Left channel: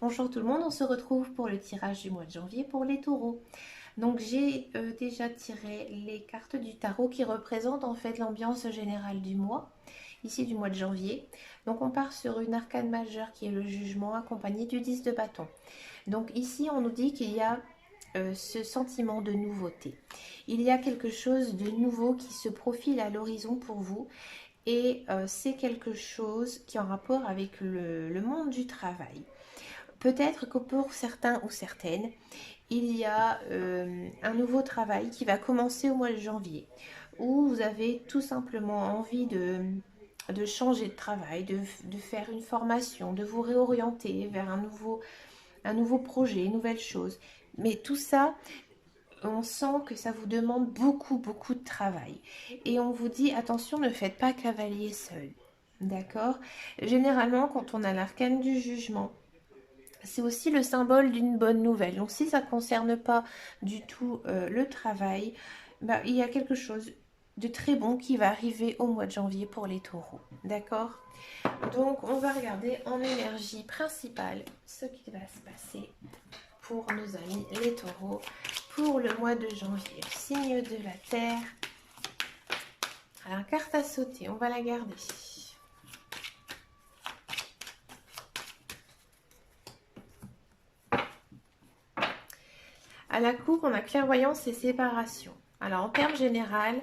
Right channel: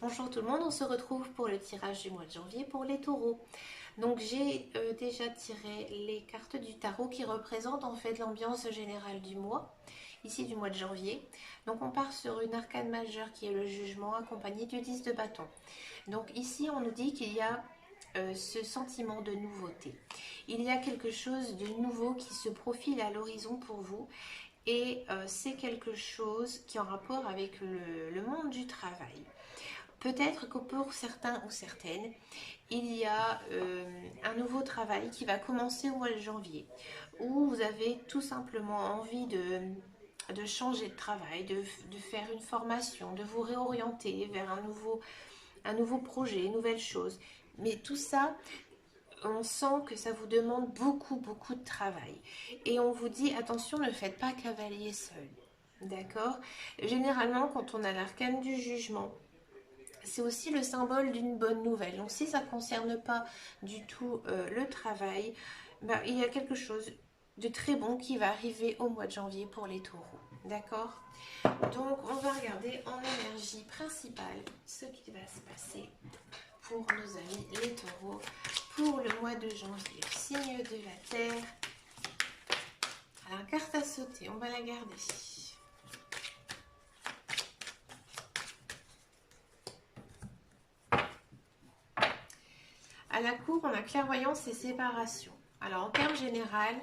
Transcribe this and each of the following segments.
Bonjour tout le monde, on se retrouve pour le tirage du mois de janvier pour les taureaux. Donc j'ai déjà tiré les cartes du tarot qui représentent en fait l'ambiance générale du mois, ici du mois de janvier. Donc on part sur une arcane majeure qui est le jugement accompagné du 10 de bâton. Donc ici on nous dit qu'il y a ce sentiment de nouveauté. Il y a quelque chose de nouveau qui se profile à l'horizon pour vous et c'est quelque chose qui est en rapport avec le monde du travail. Peut-être que pour certains ou certaines, il y a un nouveau travail qui va commencer au mois de janvier, où vous avez tout simplement envie de changer de travail, de faire une formation, de vous réorienter vers un nouveau projet, une nouvelle chose. Mais tout ça, on sent que ça vous demande beaucoup, beaucoup de travail. Et on vous dit, attention, ne faites pas cavalier seul. D'accord. Généralement, quand on a l'arcane du jugement, c'est aussi le symbole d'une bonne nouvelle. Donc si ça ne concerne pas du tout le travail, bah, il y a quelque chose de très bon qui va arriver au mois de janvier pour les taureaux. D'accord. Donc on va regarder en énergie principale ce qui va se passer pour nos amis les taureaux pour le mois de janvier. Signe de la terre. Alors carte à sauter, on va la garder. À la cour, on a clairvoyance et séparation. Alors en termes général,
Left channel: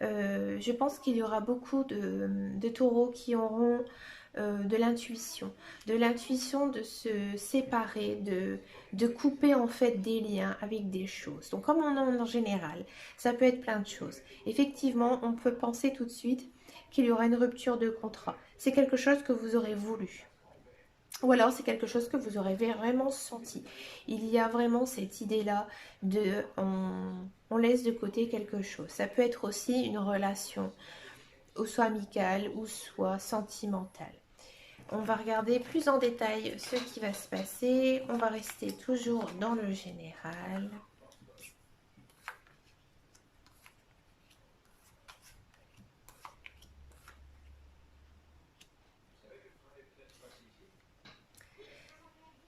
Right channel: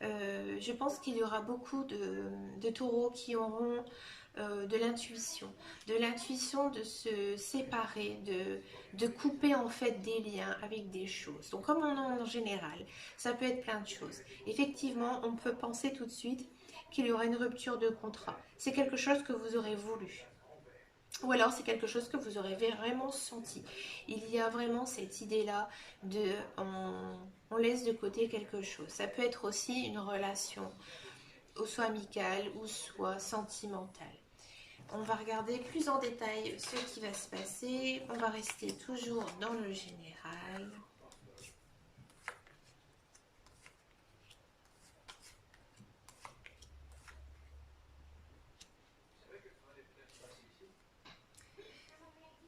je pense qu'il y aura beaucoup de taureaux qui auront de l'intuition de se séparer, de couper en fait des liens avec des choses. Donc comme on en général, ça peut être plein de choses. Effectivement, on peut penser tout de suite qu'il y aura une rupture de contrat. C'est quelque chose que vous aurez voulu. Ou alors c'est quelque chose que vous aurez vraiment senti. Il y a vraiment cette idée-là de on laisse de côté quelque chose. Ça peut être aussi une relation, ou soit amicale ou soit sentimentale. On va regarder plus en détail ce qui va se passer. On va rester toujours dans le général.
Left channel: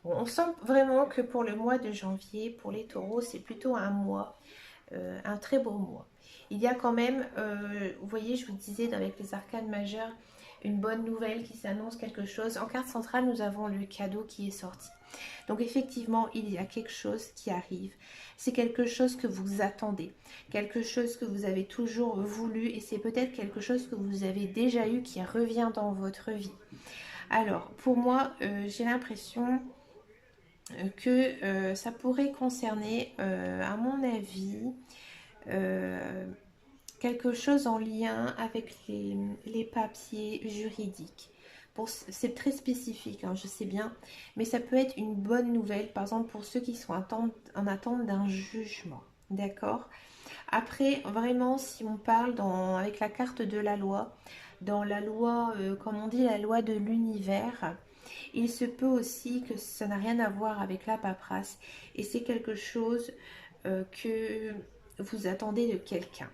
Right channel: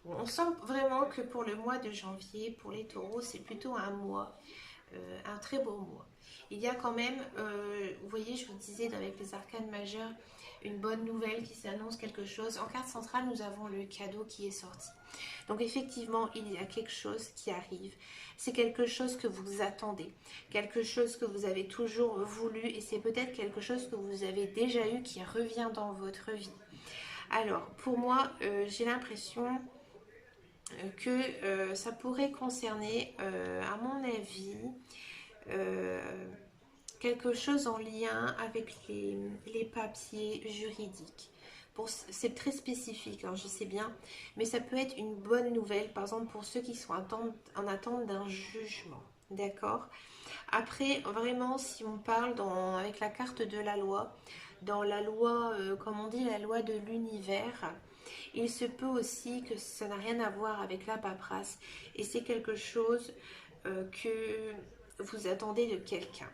Bon, on sent vraiment que pour le mois de janvier, pour les taureaux, c'est plutôt un mois, un très beau mois. Il y a quand même, vous voyez, je vous disais avec les arcanes majeures, une bonne nouvelle qui s'annonce quelque chose. En carte centrale, nous avons le cadeau qui est sorti. Donc effectivement, il y a quelque chose qui arrive. C'est quelque chose que vous attendez, quelque chose que vous avez toujours voulu et c'est peut-être quelque chose que vous avez déjà eu qui revient dans votre vie. Alors, pour moi, j'ai l'impression que ça pourrait concerner, à mon avis, euh, quelque chose en lien avec les papiers juridiques. C'est très spécifique, hein, je sais bien, mais ça peut être une bonne nouvelle, par exemple pour ceux qui sont en attente d'un jugement. D'accord. Après, vraiment, si on parle avec la carte de la loi, dans la loi, comme on dit, la loi de l'univers, il se peut aussi que ça n'a rien à voir avec la paperasse et c'est quelque chose que vous attendez de quelqu'un.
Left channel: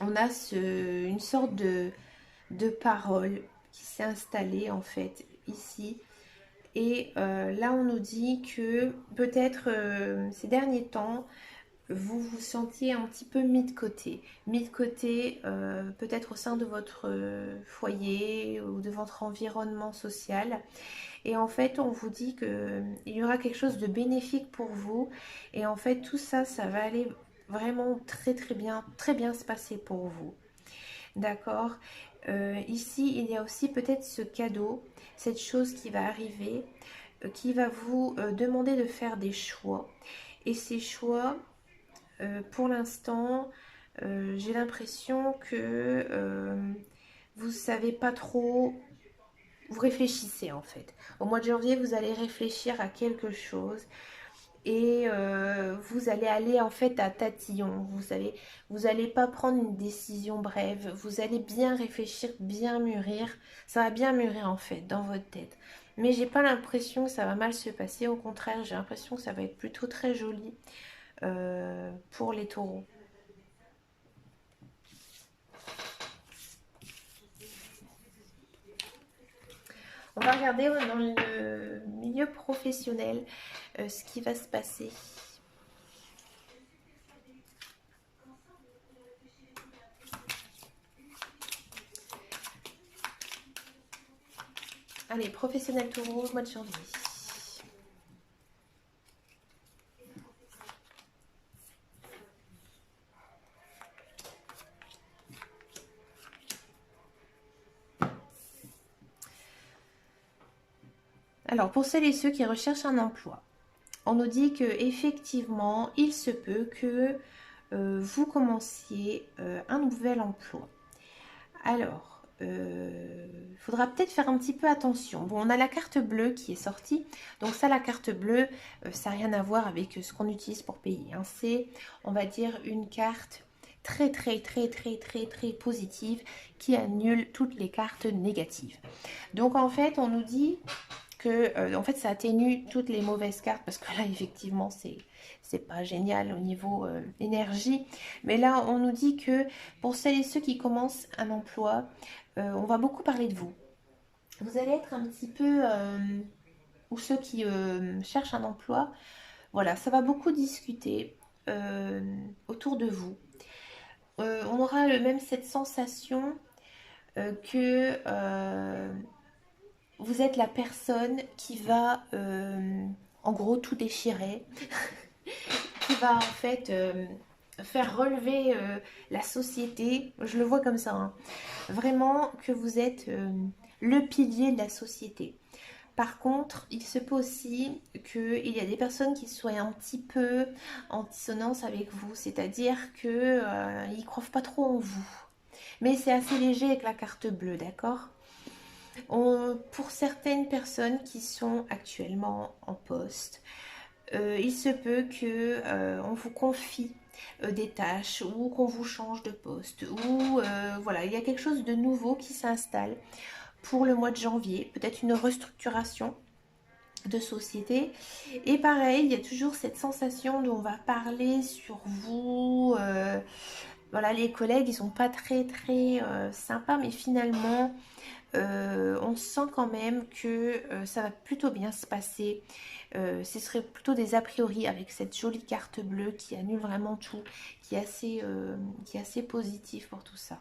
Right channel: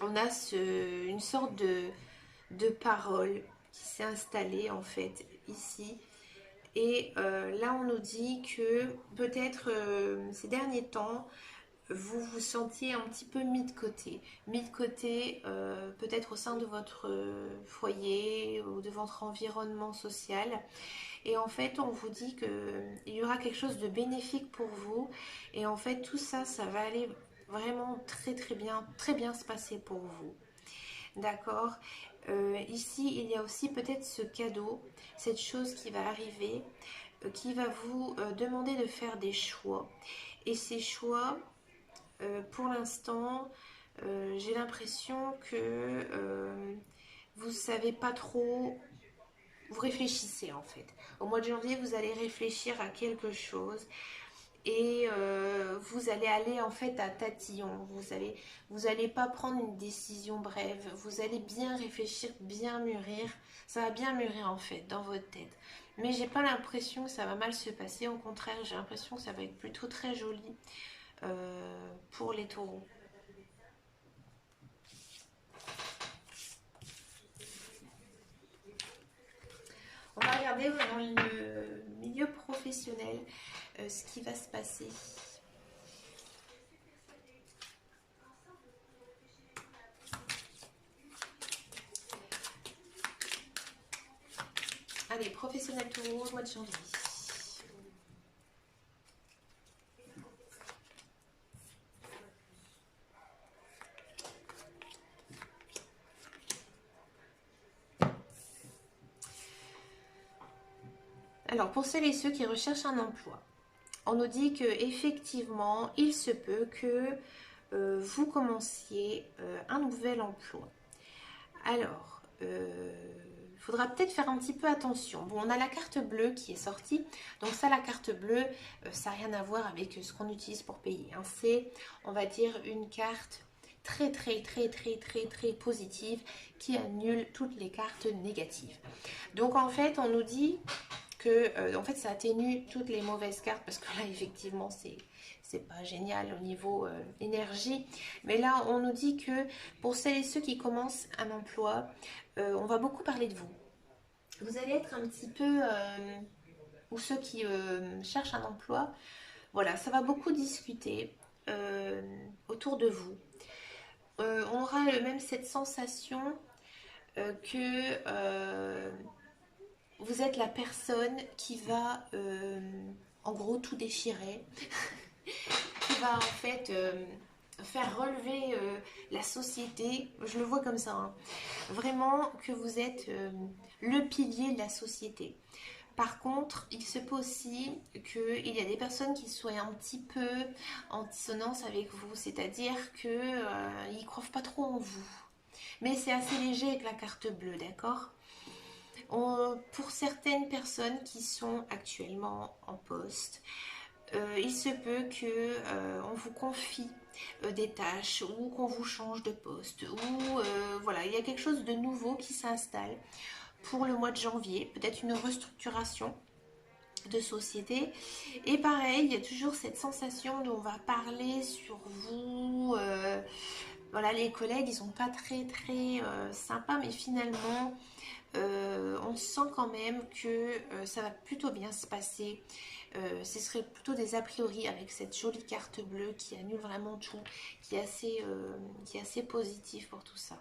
On a une sorte de parole qui s'est installée en fait ici. Et là, on nous dit que peut-être ces derniers temps, vous vous sentiez un petit peu mis de côté peut-être au sein de votre foyer ou de votre environnement social. Et en fait, on vous dit qu'il y aura quelque chose de bénéfique pour vous. Et en fait, tout ça, ça va aller vraiment très bien se passer pour vous. D'accord. Ici, il y a aussi peut-être ce cadeau, cette chose qui va arriver, qui va vous demander de faire des choix. Et ces choix, pour l'instant, j'ai l'impression que vous ne savez pas trop, vous réfléchissez en fait. Au mois de janvier, vous allez réfléchir à quelque chose et vous allez aller en fait à tatillon. Vous allez pas prendre une décision brève. Vous allez bien réfléchir, bien mûrir. Ça va bien mûrir en fait dans votre tête. Mais j'ai pas l'impression que ça va mal se passer. Au contraire, j'ai l'impression que ça va être plutôt très joli pour les taureaux. On va regarder dans le milieu professionnel ce qui va se passer. Allez, professionnel taureau, mois de janvier. Alors, pour celles et ceux qui recherchent un emploi, on nous dit que effectivement, il se peut que vous commenciez un nouvel emploi. Alors, il faudra peut-être faire un petit peu attention. Bon, on a la carte bleue qui est sortie. Donc ça, la carte bleue, ça n'a rien à voir avec ce qu'on utilise pour payer, hein. C'est, on va dire, une carte très positive qui annule toutes les cartes négatives. Donc en fait, on nous dit que en fait ça atténue toutes les mauvaises cartes, parce que là effectivement c'est pas génial au niveau énergie, mais là on nous dit que pour celles et ceux qui commencent un emploi, on va beaucoup parler de vous. Vous allez être un petit peu ou ceux qui cherchent un emploi, voilà, ça va beaucoup discuter autour de vous. On aura même cette sensation que vous êtes la personne qui va en gros tout déchirer, qui va en fait faire relever la société. Je le vois comme ça, hein. Vraiment que vous êtes le pilier de la société. Par contre, il se peut aussi qu'il y a des personnes qui soient un petit peu en dissonance avec vous, c'est-à-dire qu'ils ne croient pas trop en vous. Mais c'est assez léger avec la carte bleue, d'accord ? Pour certaines personnes qui sont actuellement en poste, il se peut que on vous confie des tâches ou qu'on vous change de poste ou voilà, il y a quelque chose de nouveau qui s'installe pour le mois de janvier, peut-être une restructuration de société. Et pareil, il y a toujours cette sensation où on va parler sur vous. Voilà, les collègues, ils sont pas très sympas, mais finalement, on sent quand même que ça va plutôt bien se passer. Ce serait plutôt des a priori avec cette jolie carte bleue qui annule vraiment tout, qui est assez positif pour tout ça.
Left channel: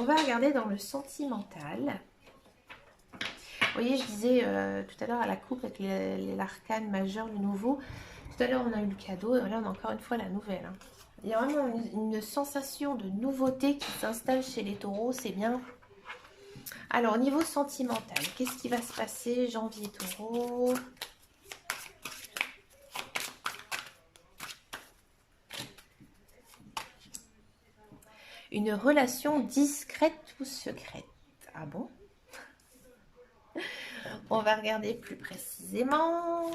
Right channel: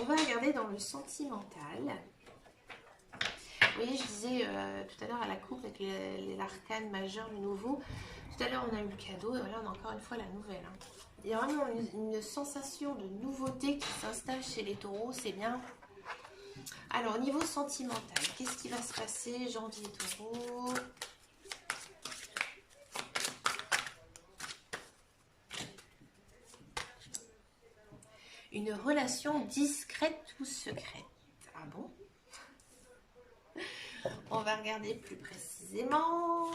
On va regarder dans le sentimental. Vous voyez, je disais tout à l'heure à la coupe avec l'arcane majeur, le nouveau. Tout à l'heure, on a eu le cadeau et là, on a encore une fois la nouvelle, hein. Il y a vraiment une sensation de nouveauté qui s'installe chez les taureaux, c'est bien. Alors, au niveau sentimental, qu'est-ce qui va se passer, janvier taureau ? Une relation discrète ou secrète ? Ah bon ? On va regarder plus précisément.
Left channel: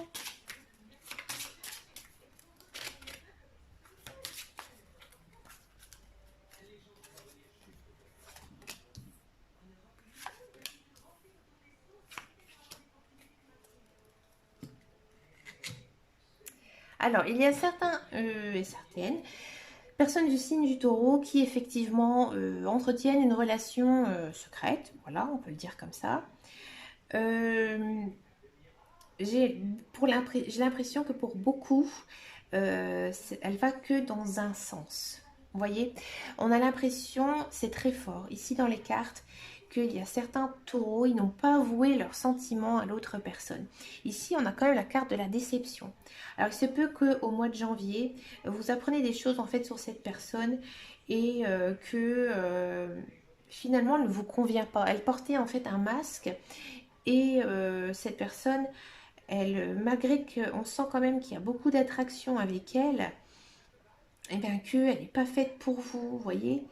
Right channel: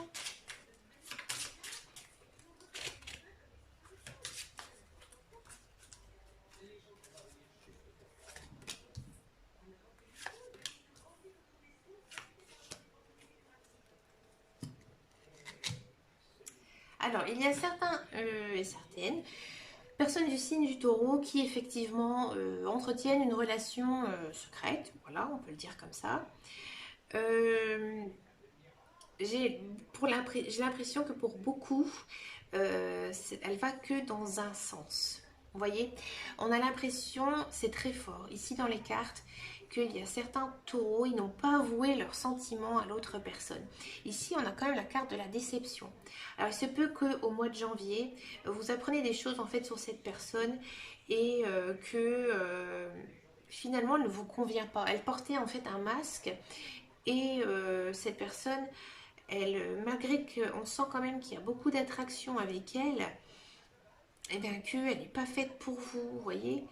Alors, il y a certains et certaines personnes du signe du taureau qui effectivement entretiennent une relation secrète, voilà, on peut le dire comme ça. J'ai l'impression que pour beaucoup, elle va que dans un sens. Vous voyez, on a l'impression, c'est très fort, ici dans les cartes, qu'il y a certains taureaux, ils n'ont pas avoué leurs sentiments à l'autre personne. Ici, on a quand même la carte de la déception. Alors, il se peut qu'au mois de janvier, vous apprenez des choses en fait sur cette personne et que finalement, elle ne vous convient pas. Elle portait en fait un masque et cette personne, elle, malgré qu'on sent quand même qu'il y a beaucoup d'attraction avec elle, et bien qu'elle n'est pas faite pour vous, vous voyez.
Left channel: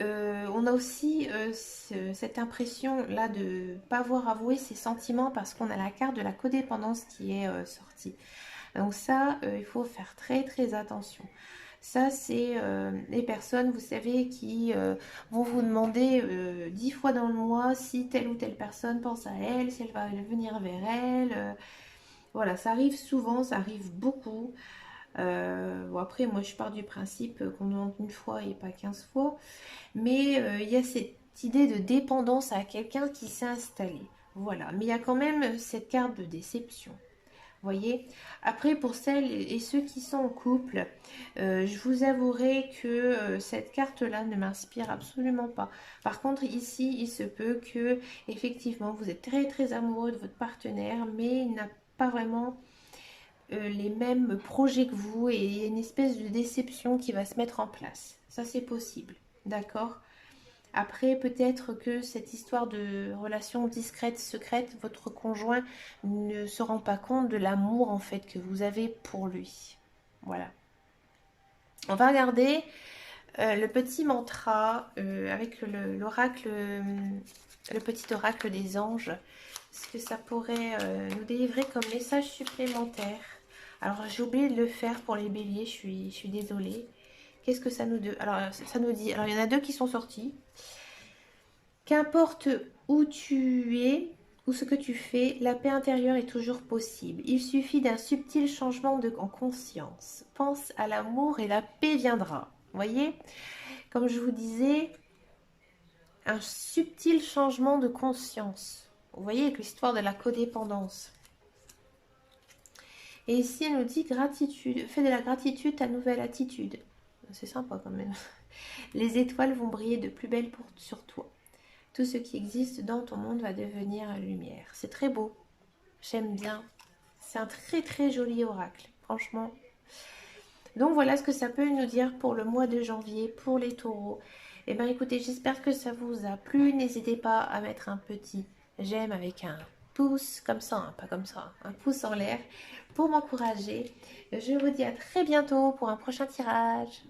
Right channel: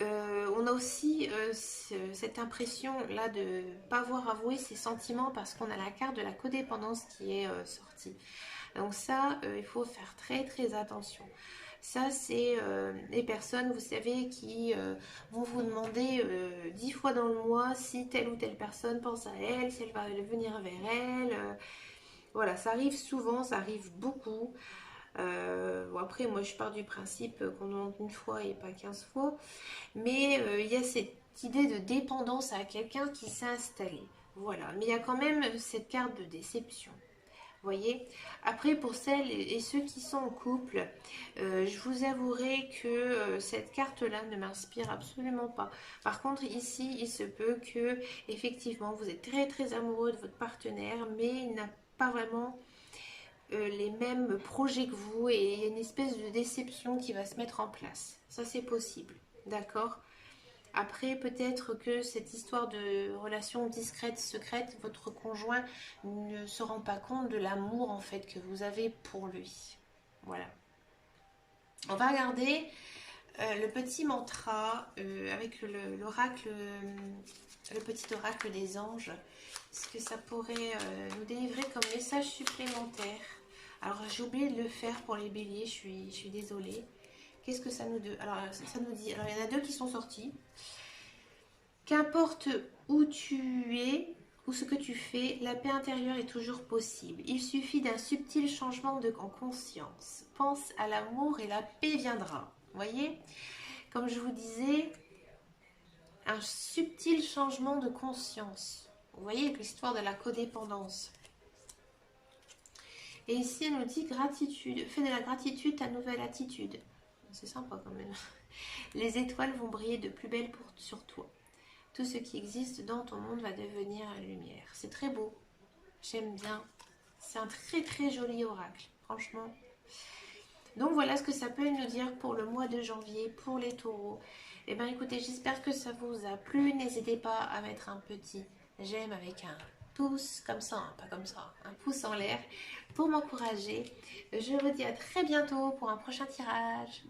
On a aussi cette impression là de ne pas avoir avoué ses sentiments parce qu'on a la carte de la codépendance qui est sortie. Donc ça, il faut faire très attention. Ça, c'est les personnes, vous savez, qui vont vous demander 10 fois dans le mois si telle ou telle personne pense à elle, si elle va venir vers elle. Voilà, ça arrive souvent, ça arrive beaucoup. Bon, après, moi, je pars du principe qu'on demande une fois et pas 15 fois. Mais il y a cette idée de dépendance à quelqu'un qui s'est installé. Voilà. Mais il y a quand même cette carte de déception. Voyez. Après, pour celles et ceux qui sont en couple, je vous avouerai que cette carte-là ne m'inspire absolument pas. Par contre, ici, il se peut que, effectivement, vous êtes très très amoureux de votre partenaire, mais il n'a pas vraiment les mêmes projets que vous et il y a une espèce de déception qui va se mettre en place. Ça, c'est possible. D'accord? Après, peut-être que cette histoire de relation discrète, secrète, votre conjoint ne se rend pas compte de l'amour en fait que vous avez pour lui. Voilà. On va regarder le petit mantra avec l'oracle, le petit oracle des anges. Ce que ça pourrait nous délivrer comme message supplémentaire. Alors, j'ai oublié de le faire pour les béliers, je suis désolée. Qu'est-ce que ça nous dit? Alors, ça nous dit, alors il y en a deux qui sont sortis. Qu'importe où tu es ou ce que tu fais, la paix intérieure est toujours possible. Il suffit d'un subtil changement en conscience. Pense à l'amour et la paix viendra. Voyez, comme je vous disais, un subtil changement de conscience. Vous voyez l'histoire de la codépendance. Et ici, elle nous dit gratitude. Fais de la gratitude ta nouvelle attitude. C'est sympa quand même. Les étoiles vont briller de plus belle sur toi. Tout ce qui existe dans ton monde va devenir lumière. C'est très beau. J'aime bien. C'est un très très joli oracle. Franchement. Donc voilà ce que ça peut nous dire pour le mois de janvier, pour les taureaux. Eh bien écoutez, j'espère que ça vous a plu. N'hésitez pas à mettre un petit j'aime avec un pouce comme ça, hein, pas comme ça, un pouce en l'air pour m'encourager. Je vous dis à très bientôt pour un prochain tirage.